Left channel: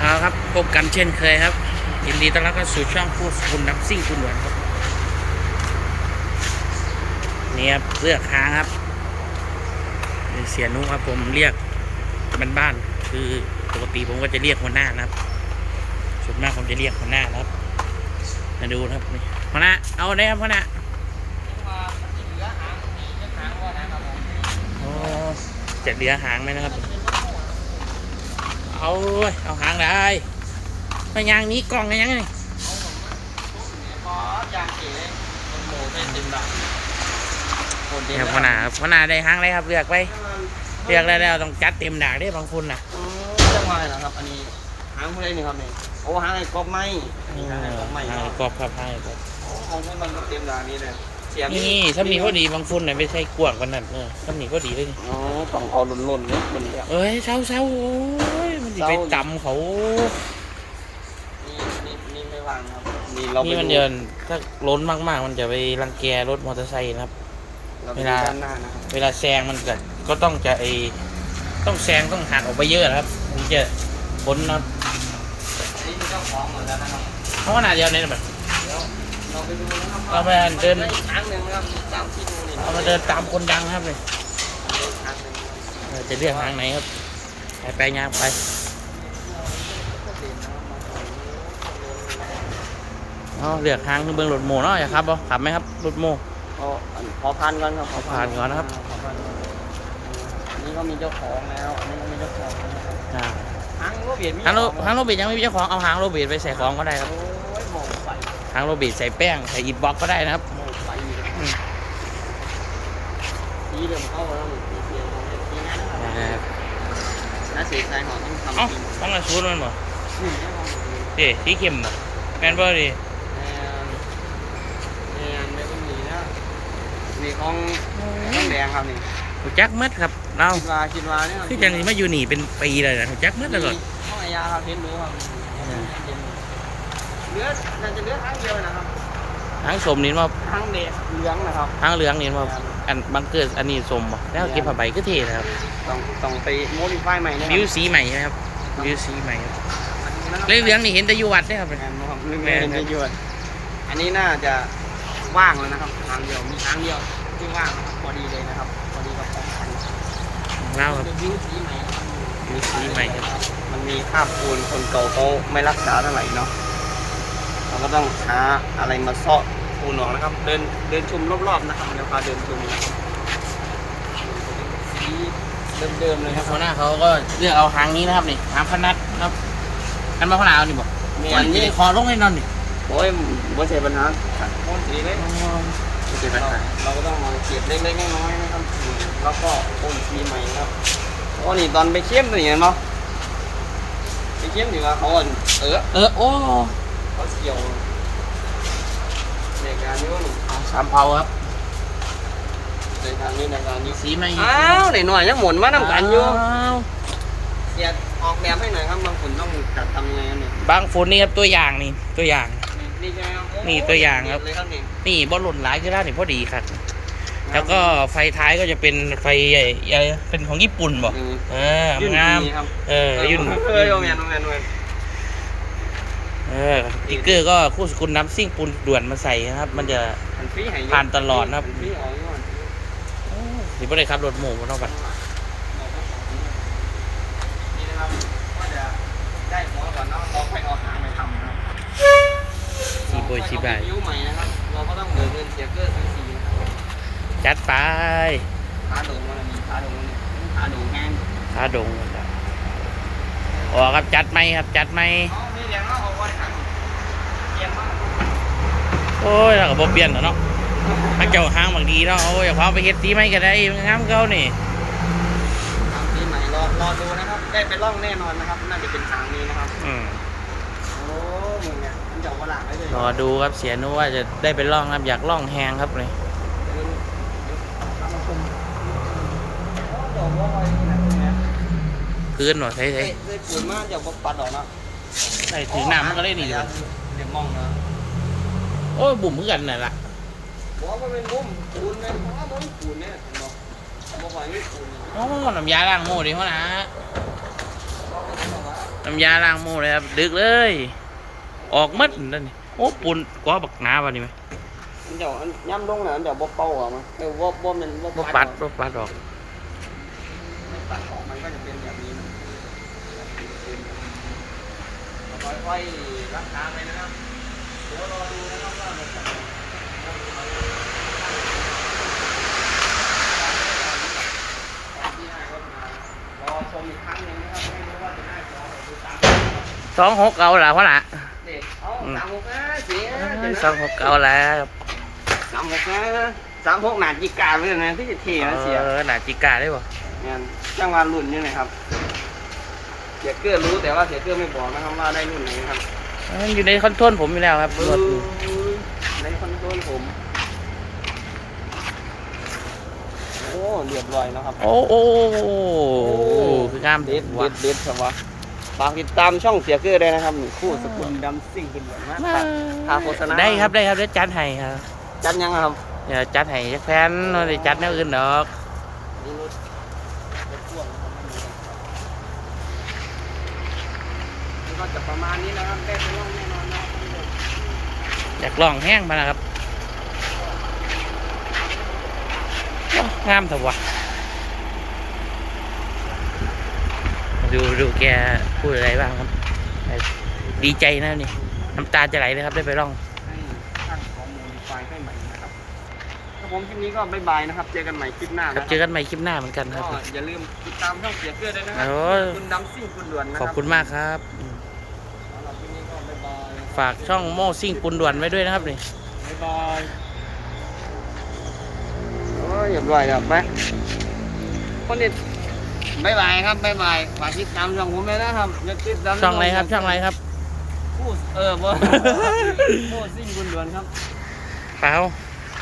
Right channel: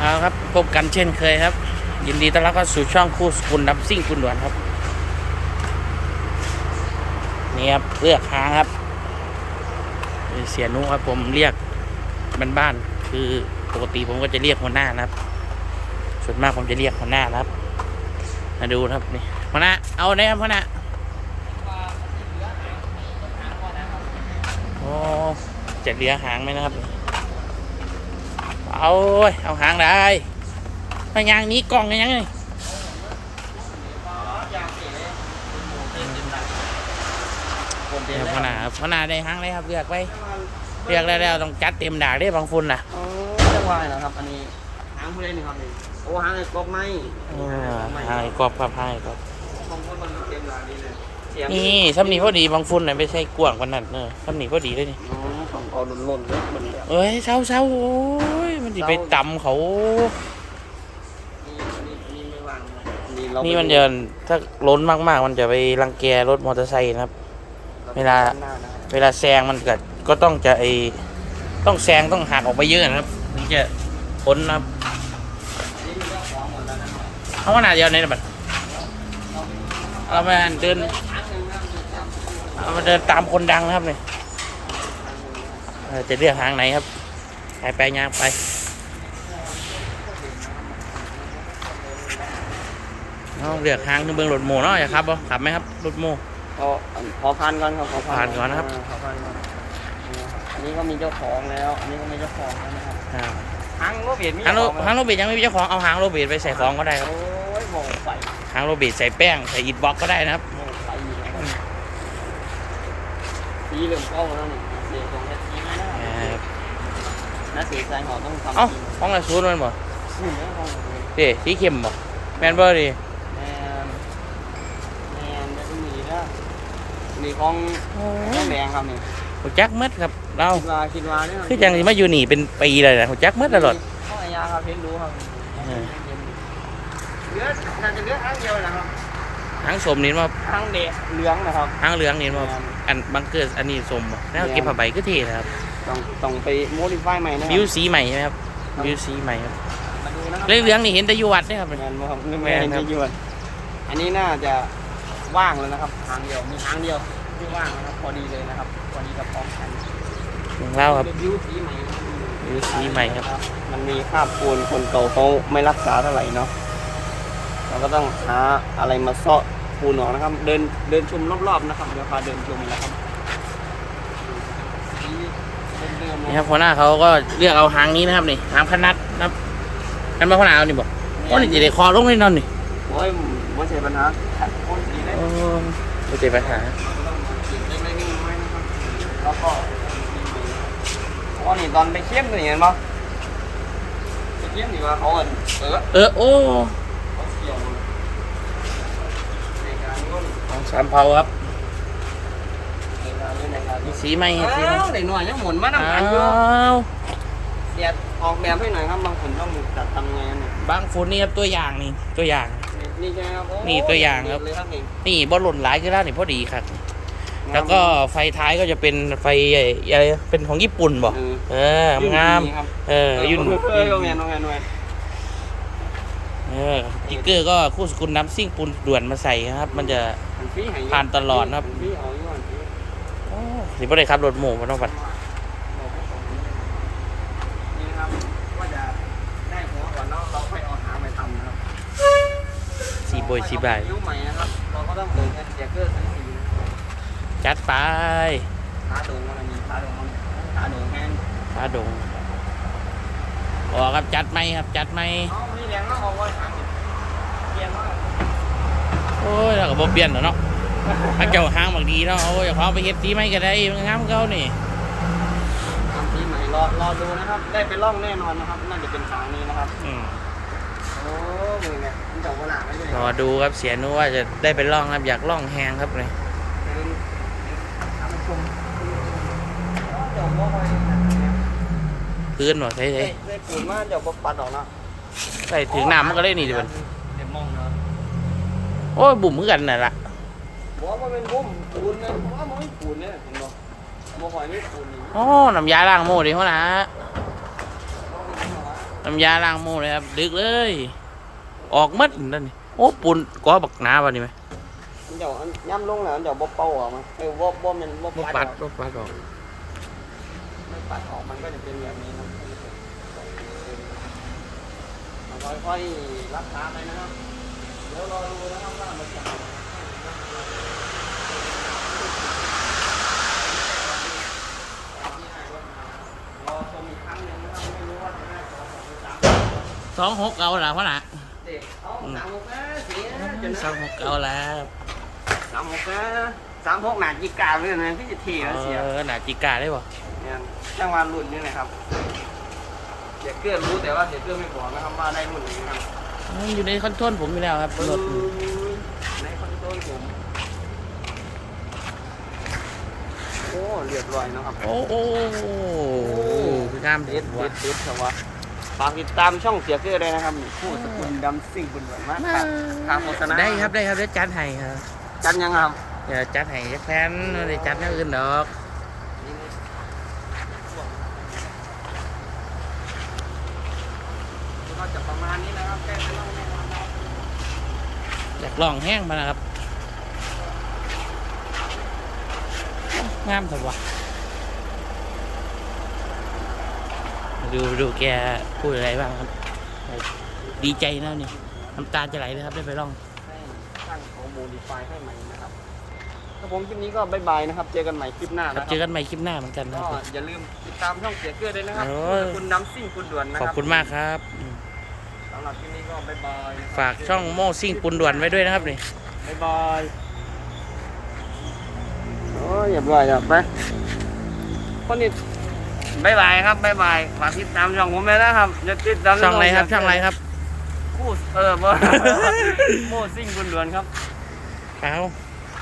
เอาครับ พบกันเช่นเคยครับ ยินดีต้อนรับเข้าสู่ช่องคู่สกุลดับซิ่งคุณด่วนครับ นี่ครับเลือกค้างครับนี่เสียนุครับผมเรียกบ้านๆคือปกติผมก็จะเรียกหัวหน้านะครับ ส่วนมากผมจะเรียกหัวหน้านะครับ มาดูนะครับนี่หัวหน้าเอาได้ครับหัวหน้าโอ้จะเหลือหางไหมนะครับ เอาเว้ยเอาหางได้ไปยางหนี้กล่องยังไงเนี่ยพนาครับพนาได้หางเลยครับเลือกไปเลือกได้แล้วต้องจัดเต็มดากได้บางฝุ่นน่ะจังหวะนะครับอันนี้หางเพื่อนนี่ครับนี่โอ้หางไอ้กบไม้เออหางกรอบครับหางกรอบของคุณมันก็เตรียมดานี้เลย เสียมนี่ถ้ามีพอดีบางฝุ่นน่ะไม่ใช่กว้างกว่านั้นเออถ้ามีพอดีเลยนี่อ๋อกล่องเอาลุ่นๆนิดนึงเนี่ยเอ้ยเช้าเช้าโอ้ยมันจะไปตำเขานี่นี่นี่ไม่วางครับนี่เรานี่นี่มันเดินถ้าล้นมากๆ มันจะไปรังแกรถมอเตอร์ไซค์นะครับ เวลา เวลาแซงมันก็ก็ต้องจะไอต้องแซงต้องหักออกไปเยอะนะครับถึงจะพ้นนะครับนี่มีเจ้าของหมดแล้วนะครับเขาขนาดเดียวนี่นะบัด เราไปดูนะครับเราไปเดินได้อีกครั้งหนึ่งนะครับอยู่ตามที่ดูนี่เรามาเดินตามคนดังนะครับเนี่ยได้อีกครั้งหนึ่งนะครับเออจะเลือกทางไหนครับ ไปไปยางไปเอาเลือกทางคือเบื้องรถโมเนาะอย่าครับบ่ขับไหมครับรถโมเอาขอผ่านก่อนครับขอผ่านก่อนนะครับขอผ่านก่อนนี่ก็มีเจ้าของแล้วนี่ก็มีเจ้าของแล้วนะครับอ่าหางก็เปลี่ยนหางโรหางโรบิดยังไม่มีเจ้าของเอาหางโรบิดไปใส่ของก็ได้ครับโอ้ยหมอ ใส่หางโรบิใส่แป้ง ใส่อิฐบล็อกก็ได้นะครับเอ้าแล้วนี่สีเหลืองสีหน้าหน้าอ่าแล้วสีแดงอาจริงห้องละชุดมันบ่เดเลยเจ๊สีเข้มบ่แมนบ่ดิแอนแอนไม่ต้องมีนะนี่ของแดงครับนี่หัวจักมัดครับเราคือจังสิมาอยู่นี่เป็นปีเลยนะหัวจักมัดตลอดข้อยาครับเห็นรู้ครับ เหลือน่าจะเหลือครั้งเดียวนะครับหางสมนี่มาครั้งเดียวเหลืองนะครับหางเหลืองนี่มาอันบังเกิดอันนี้สมบ่แล้วเก็บผ้าใบก็เท่นะครับต้องไปโมดิฟายใหม่นะบิวสีใหม่นะครับบิวสีใหม่ครับดูนะเรื่องเหลืองนี่เห็นแต่อยู่วัดเนี่ยครับแมนบอกแมนครับอันนี้น่าจะว่างเลยนะครับทางเดียวมีทางเดียวที่ว่างนะครับพอดีเลยนะครับพอดีกับกองทัพของเราครับเป็นยูสีใหม่ครับบิวสีใหม่ครับมันมีคราบปูนคนเก่าเขาไม่รักษาเท่าไหร่เนาะเรา ก็ต้องหาอะไรมาเซาะปูนออกนะครับ เดินเดินชมรอบๆนะครับเดี๋ยวพาเดินชมนะครับนี่จะเป็นสีเดิมๆนี่นะคครัรับบหัวหน้าเขาก็เลือกเอาหางนี้นะครับนี่หางพนัดนะครับอันมาหัวหน้าเอานี่บอกอ๋อนี่จะได้คอลงไปนอนนี่โอ้ยไม่ใช่ปัญหาโอ้ยสีเล็กโอ้ไม่ใช่ปัญหาเราก็ต้องมาเก็บเล็กๆน้อยๆนะครับ แล้วก็โอ้ยมีใหม่นะครับโอ้นี่ตอนไปเข้มตัวนี้เห็นปะไปเข้มดีว่าเขาอะเออ เออโอ้ เขาเกี่ยวในการยุ่นของสามเผาครับ ในการยุ่นในการยุ่นสีใหม่ครับอ้าวไหนหน่อยยังหมุนมาทำการยุ่นอ้าวเสียดออกแบบให้หน่อยครับบางคนต้องจัดทำไงเนี่ยบางฝนนี่ครับตัวอย่างนี่ตัวอย่าง นี่ใช่ไหมครับโอ้นี่ตัวอย่างครับ เลยครับนี่นี่บอลหล่นหลายที่ด้านนี่พอดีครับ แล้วก็ไฟท้ายก็จะเป็นไฟใหญ่ใหญ่เป็นของญี่ปุ่นบอกอืมเอองามยุ่นดีครับเออยุ่น เคยโรงเรียนโรงเรียนโรงเรียนเออสติ๊กเกอร์ก็คู่สกุลน้ำซิ่งปูนด่วนมาใส่นะครับ มันจะมันฟรีให้ผ่านตลอดนะครับฟรีเอาอยู่ก่อนฟรีโอ้สิบ่ได้ครับรถหมูมันต้องไปนี่นะครับก็จะได้หัวก่อนแล้วเราค่อยเอาหางไปทำนะครับสีโบยสีบายยิ้วใหม่นะครับเราก็ต้องเดินเงินเจเกอร์สีสีนะครับจัดไปขาดงมันมีขาดงมันขาดงแห้งขาดงออกครับจัดไหมครับจัดไหมเอามีแรงแล้วเอาว่าทางเยี่ยมมาก โอ้ยเราก็บ่เปลี่ยนแล้วเนาะถ้าเจ้าห้างบางดีเนาะโอ้ยอย่าความไปเฮ็ดสีไหมก็ได้มันงามเขานี่ปีใหม่รอรอดูนะครับ ได้ไปล่องแน่นอนนะครับ น่าจะเป็นทางนี้นะครับ อืมโอ้มึงเนี่ยมันจะวลางไว้เลยรอดูครับเสียนุว่าจะได้ไปล่องครับอยากล่องแหงครับเลยเดินเดี๋ยวทำมาชมโอ้เดี๋ยวบ่ค่อยนะเนี่ยพื้นบ่ใช่เฮ้ใช่ยเฮ้ยปืนมากเดี๋ยวบ่ปัดออกนะใส่ถึงน้ำมันก็ได้นี่ดูเดี๋ยวมองนะโอ้ยบุ่มคือกันน่ะล่ะบอกว่าเป็นมุ้งปูนเนี่ยว่ามุ้งปูนเนี่ยบ่ค่อยมีปูนนี่อ๋อน้ำยาล้างหมูดิหัวหนะบอกเป็นมุ้งว่าน้ำยาล้างโม่เลยครับดึกเลย ออกมัดนั่นนี่โอ้ปุ่นก้อบักหนาวะนี่ไหมอันเดี๋ยวอันย่ำลงน่ะอันเดี๋ยวบ่เป่าอะมั้งเออบ่บ่มันบ่บ่ปัดบ่ปัดออก ปัดออกมันก็จะเป็นแบบนี้นะค่อยๆรักษาไปนะครับเดี๋ยวรอดูนะครับ ว่ามันจะรอชมอีกครั้งหนึ่งนะครับไม่รู้ว่าจะได้สองหรือสามครับสองหกเอาละพ่อหนะเด็กเอาสามหกนะเสียเดี๋ยวนะสองหกเอาแล้วครับสามหกนะสามหกหนาจีกาเลยนะที่จะเทีเอนะเสียอหนาจิกาได้ป่ะเนี่ยจังหวะรุ่นนี่นะครับเสียเกลือรู้แต่ว่าเสียเกลือไม่บอกนะครับว่าได้รุ่นไหนครับ อยู่ในคอนโทรลผมอยู่แล้วครับรถนี่ ในคอนโทรลผมโอ้เรียบร้อยนะครับ โอ้โอ้คืองามเด็เด็ดดเด็ว่ะดเด็ดครับวะฝากติดตามช่องเสียเกลือได้นะครับนี่ผู้สกุลดำซิ่งบุญหลวงมากครับพาโฆษณาได้ครับได้ครับได้จัดให้ครับจันยังครับอย่าจัดให้จักแฟนเราได้จัดแนวอื่นดอกก็จะประมาณนี้นะครับได้ไม่ต้องแน่นอนนะอยากลองแห้งมานะครับโอ้งามเถอะวะ ดูดูแกพูดอะไรบ้างครับ ดีใจนะนี่น้ำตาจะไหลเลยครับได้ไปลองให้ช่างของโมดิฟายให้ใหม่นะครับครับผมคลิปนี้ก็บ๊ายบายนะครับ เจอกันใหม่คลิปหน้าครับเจอกันใหม่คลิปหน้าเหมือนกันครับก็อย่าลืมติดตามช่องเสือเกลือด้วยนะครัโอ้ยคุณน้ำซิ่งคุณด่วนนะขอบคุณมากครับอืมสำหรับคลิปนี้ก็บ๊ายบายนะครับฝากช่องโม่ซิ่งปุนด่วนไว้ด้วยนะครับนี่บ๊ายบายโอ้ยอย่าบ่อยครับนะคนนี้ บ๊ายบายครับบ๊ายบายฝากติดตามช่องผมเลยนะครับอย่าติดตามช่องอะไรครับ ช่องอะไรครับคู่เออบ่โมซิ่งคุณด่วนครับเปล่า